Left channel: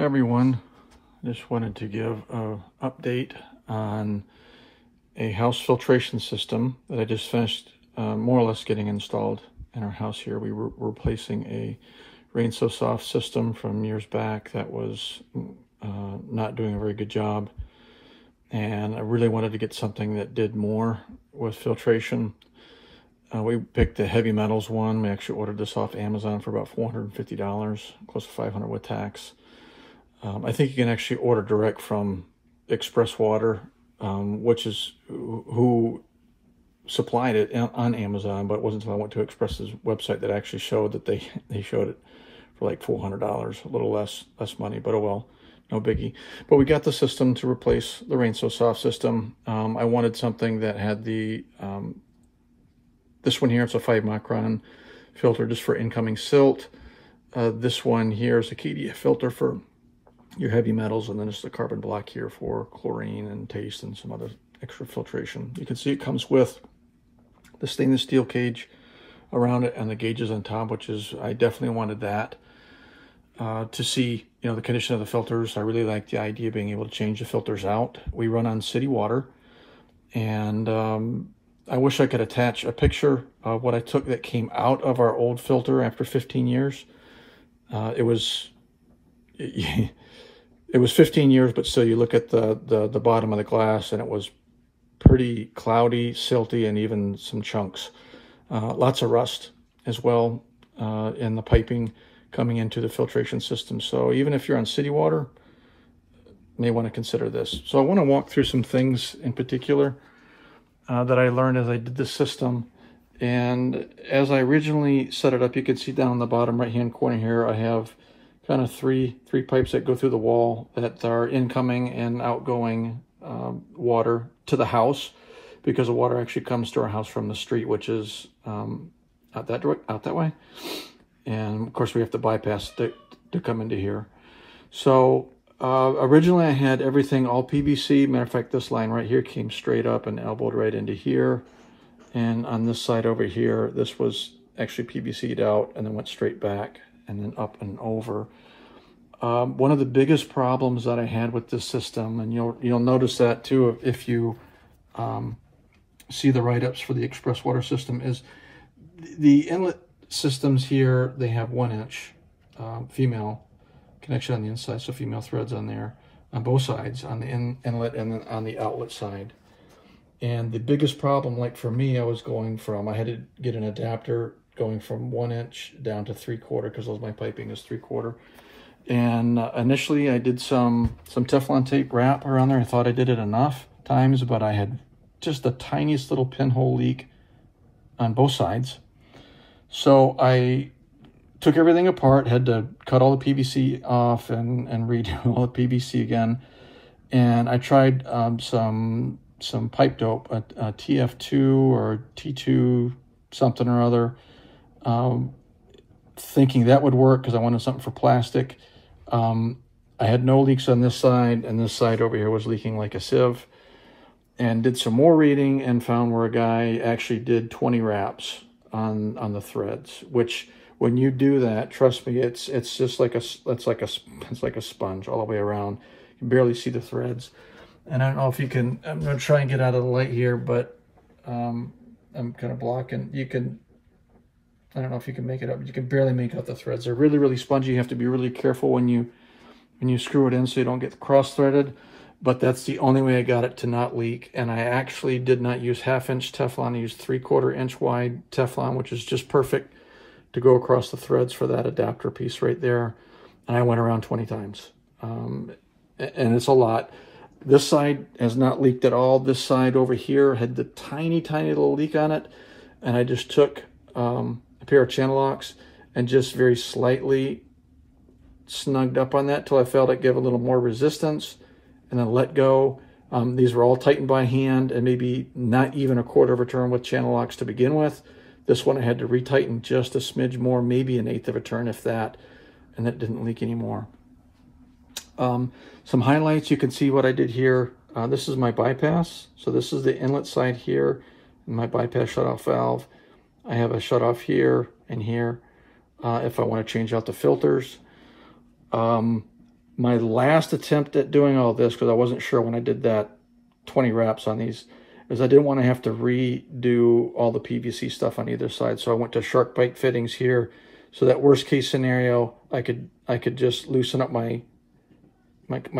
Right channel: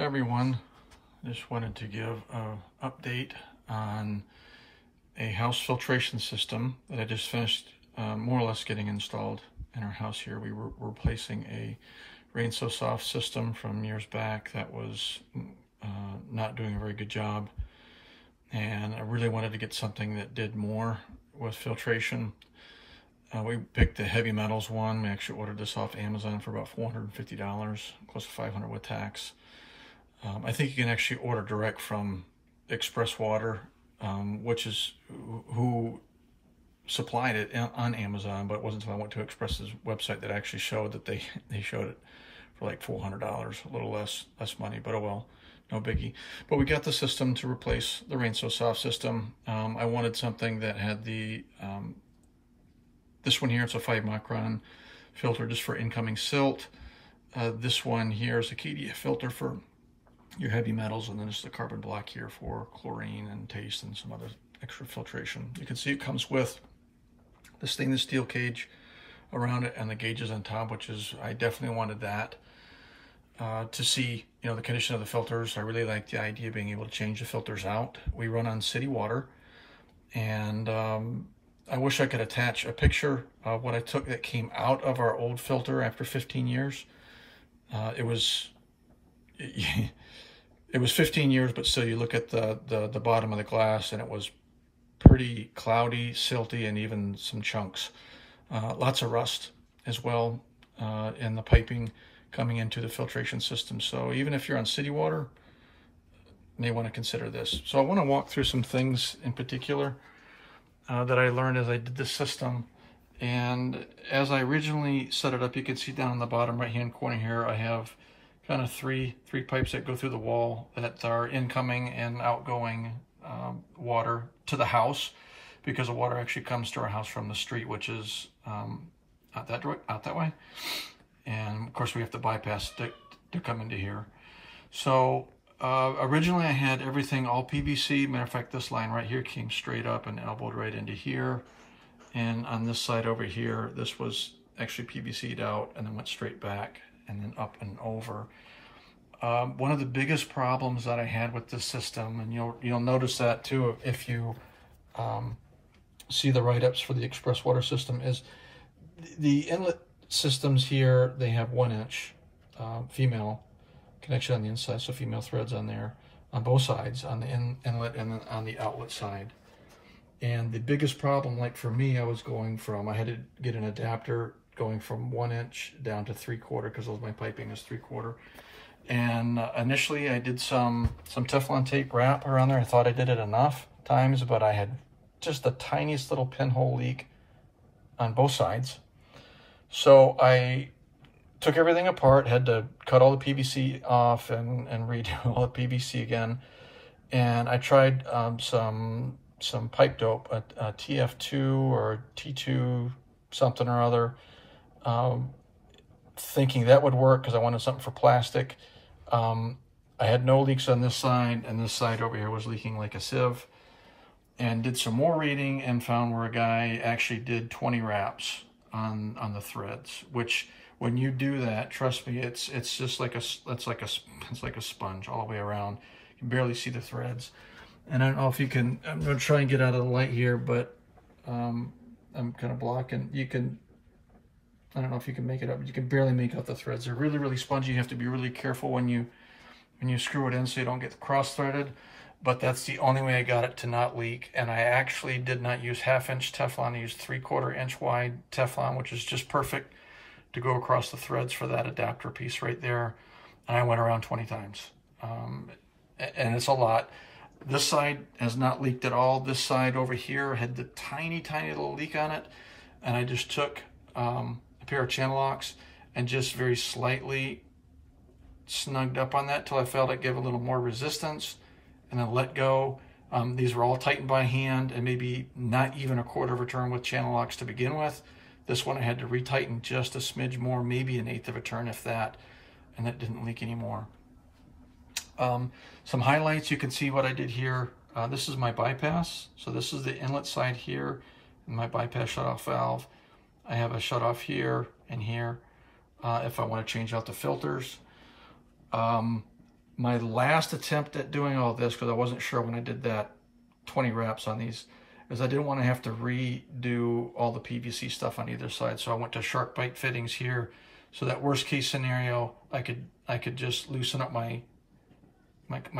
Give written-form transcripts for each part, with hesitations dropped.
Everyone, just wanted to give an update on a house filtration system that I just finished more or less getting installed in our house here. We were replacing a Rain So Soft system from years back that was not doing a very good job, and I really wanted to get something that did more with filtration. We picked the heavy metals one. We actually ordered this off Amazon for about $450, close to $500 with tax. I think you can actually order direct from Express Water, which is who supplied it on Amazon, but it wasn't until I went to Express's website that actually showed that they showed it for like $400, a little less money, but oh well, no biggie. But we got the system to replace the Rain So Soft system. I wanted something that had the, this one here, it's a 5 micron filter just for incoming silt. This one here is a KDF filter for your heavy metals, and then it's the carbon black here for chlorine and taste and some other extra filtration. You can see it comes with the stainless steel cage around it and the gauges on top, which is, I definitely wanted that to see, you know, the condition of the filters. I really like the idea of being able to change the filters out. We run on city water, and I wish I could attach a picture of what I took that came out of our old filter after 15 years. It was 15 years, but still, you look at the bottom of the glass, and it was pretty cloudy, silty, and even some chunks. Lots of rust as well in the piping coming into the filtration system. So even if you're on city water, you may want to consider this. So I want to walk through some things in particular that I learned as I did this system. And as I originally set it up, you can see down on the bottom right-hand corner here, I have kind of three pipes that go through the wall that are incoming and outgoing water to the house, because the water actually comes to our house from the street, which is out that way. And of course we have to bypass to come into here. So originally I had everything all PVC. Matter of fact, this line right here came straight up and elbowed right into here. And on this side over here, this was actually PVC'd out and then went straight back and then up and over. One of the biggest problems that I had with this system, and you'll notice that too if you see the write-ups for the Express Water system, is the inlet systems here. They have 1 inch female connection on the inside, so female threads on there on both sides, on the inlet and then on the outlet side. And the biggest problem, like for me, I had to get an adapter going from 1 inch down to 3/4, because my piping is 3/4. And initially I did some Teflon tape wrap around there. I thought I did it enough times, but I had just the tiniest little pinhole leak on both sides. So I took everything apart, had to cut all the PVC off and redo all the PVC again. And I tried some pipe dope, a TF2 or T2 something or other, thinking that would work because I wanted something for plastic. I had no leaks on this side, and this side over here was leaking like a sieve. And did some more reading and found where a guy actually did 20 wraps on the threads, which when you do that, trust me, it's just like it's like a sponge all the way around. You can barely see the threads. And I don't know if you can, I'm gonna try and get out of the light here, but I'm kind of blocking. I don't know if you can make it up. You can barely make out the threads. They're really, really spongy. You have to be really careful when you screw it in so you don't get cross-threaded. But that's the only way I got it to not leak. And I actually did not use 1/2 inch Teflon. I used 3/4 inch wide Teflon, which is just perfect to go across the threads for that adapter piece right there. And I went around 20 times. And it's a lot. This side has not leaked at all. This side over here had the tiny, tiny little leak on it. And I just took a pair of channel locks and just very slightly snugged up on that till I felt it give a little more resistance, and then let go. These were all tightened by hand, and maybe not even a 1/4 of a turn with channel locks to begin with. This one I had to retighten just a smidge more, maybe 1/8 of a turn, if that, and that didn't leak anymore. Some highlights, you can see what I did here. This is my bypass. So this is the inlet side here, and my bypass shutoff valve. I have a shutoff here and here if I want to change out the filters. My last attempt at doing all this, because I wasn't sure when I did that 20 wraps on these, is I didn't want to have to redo all the PVC stuff on either side. So I went to shark bite fittings here. So that worst case scenario, I could just loosen up my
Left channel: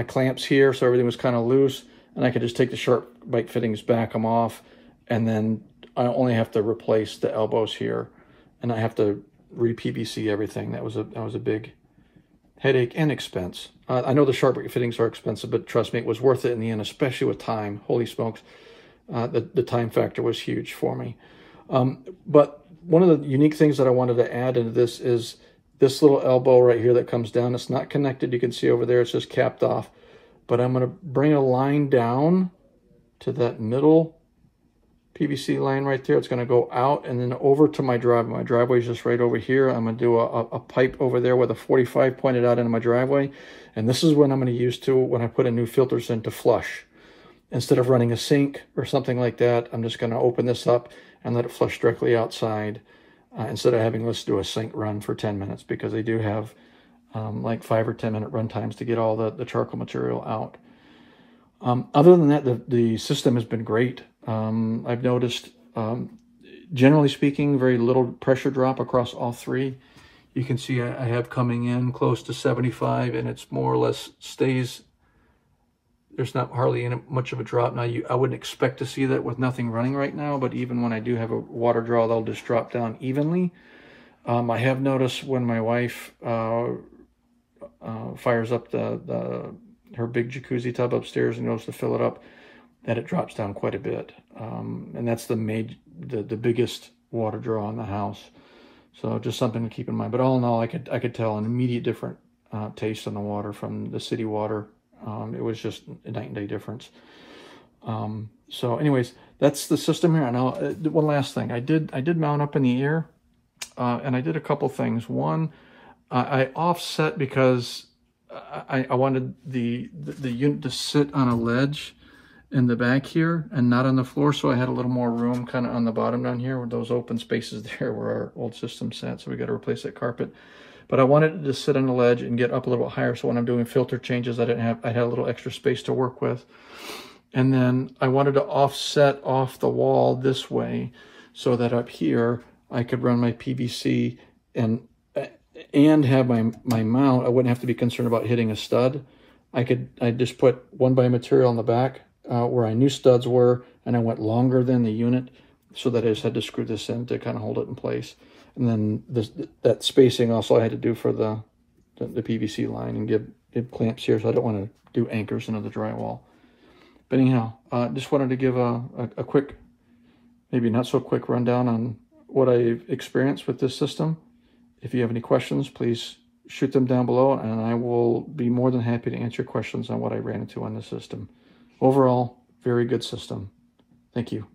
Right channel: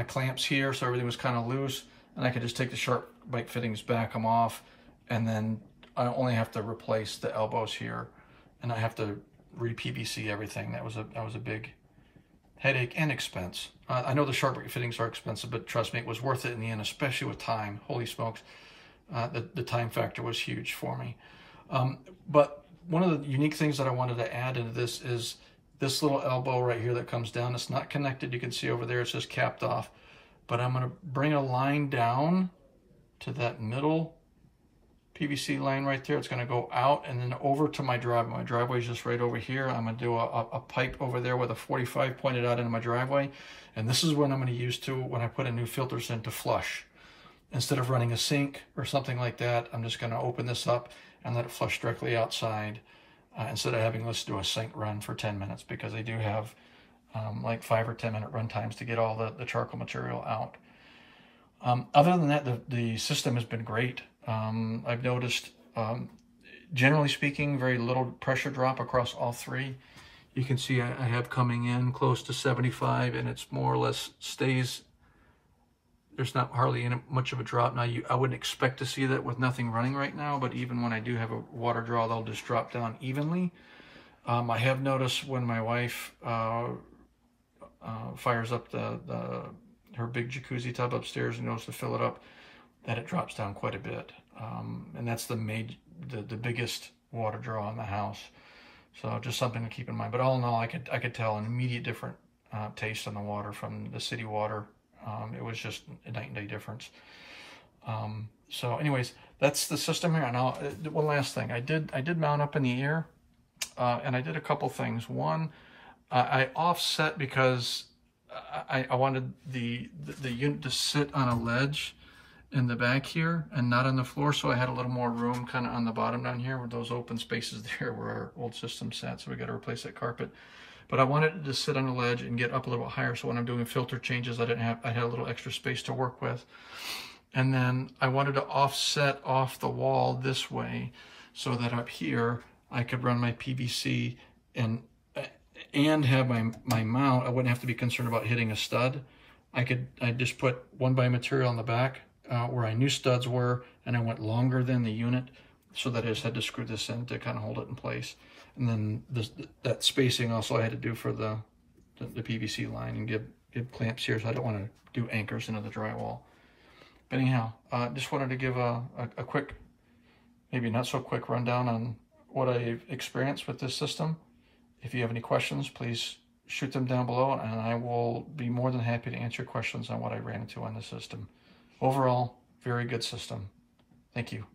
clamps here, so everything was kind of loose, and I could just take the shark bite fittings, back them off, and then I only have to replace the elbows here, and I have to re-PVC everything. That was a big headache and expense. I know the shark bite fittings are expensive, but trust me, it was worth it in the end, especially with time. Holy smokes, the time factor was huge for me. But one of the unique things that I wanted to add into this is this little elbow right here that comes down. It's not connected. You can see over there, it's just capped off. But I'm going to bring a line down to that middle PVC line right there. It's going to go out and then over to my driveway. My driveway is just right over here. I'm going to do a pipe over there with a 45 pointed out into my driveway. And this is what I'm going to use when I put in new filters in to flush. Instead of running a sink or something like that, I'm just going to open this up and let it flush directly outside instead of having to do a sink run for 10 minutes, because they do have like 5 or 10 minute run times to get all the charcoal material out. Other than that, the system has been great. I've noticed, generally speaking, very little pressure drop across all three. You can see I have coming in close to 75, and it's more or less stays. There's not hardly much of a drop. Now, I wouldn't expect to see that with nothing running right now, but even when I do have a water draw, that'll just drop down evenly. I have noticed when my wife fires up her big jacuzzi tub upstairs and goes to fill it up, that it drops down quite a bit. And that's the biggest water draw in the house. So just something to keep in mind. But all in all, I could tell an immediate different taste on the water from the city water. It was just a night and day difference. So anyways, that's the system here. Now, one last thing. I did mount up in the air, and I did a couple things. One, I offset because I wanted the unit to sit on a ledge in the back here and not on the floor, so I had a little more room kind of on the bottom down here with those open spaces there where our old system sat, so we got to replace that carpet. But I wanted it to sit on the ledge and get up a little bit higher, so when I'm doing filter changes, I had a little extra space to work with. And then I wanted to offset off the wall this way so that up here I could run my PVC and have my mount. I wouldn't have to be concerned about hitting a stud. I'd just put 1x material on the back where I knew studs were, and I went longer than the unit so that I just had to screw this in to kind of hold it in place. And then that spacing also I had to do for the PVC line and give clamps here, so I don't want to do anchors into the drywall. But anyhow, just wanted to give a quick, maybe not so quick rundown on what I've experienced with this system. If you have any questions, please shoot them down below, and I will be more than happy to answer questions on what I ran into on the system. Overall, very good system. Thank you.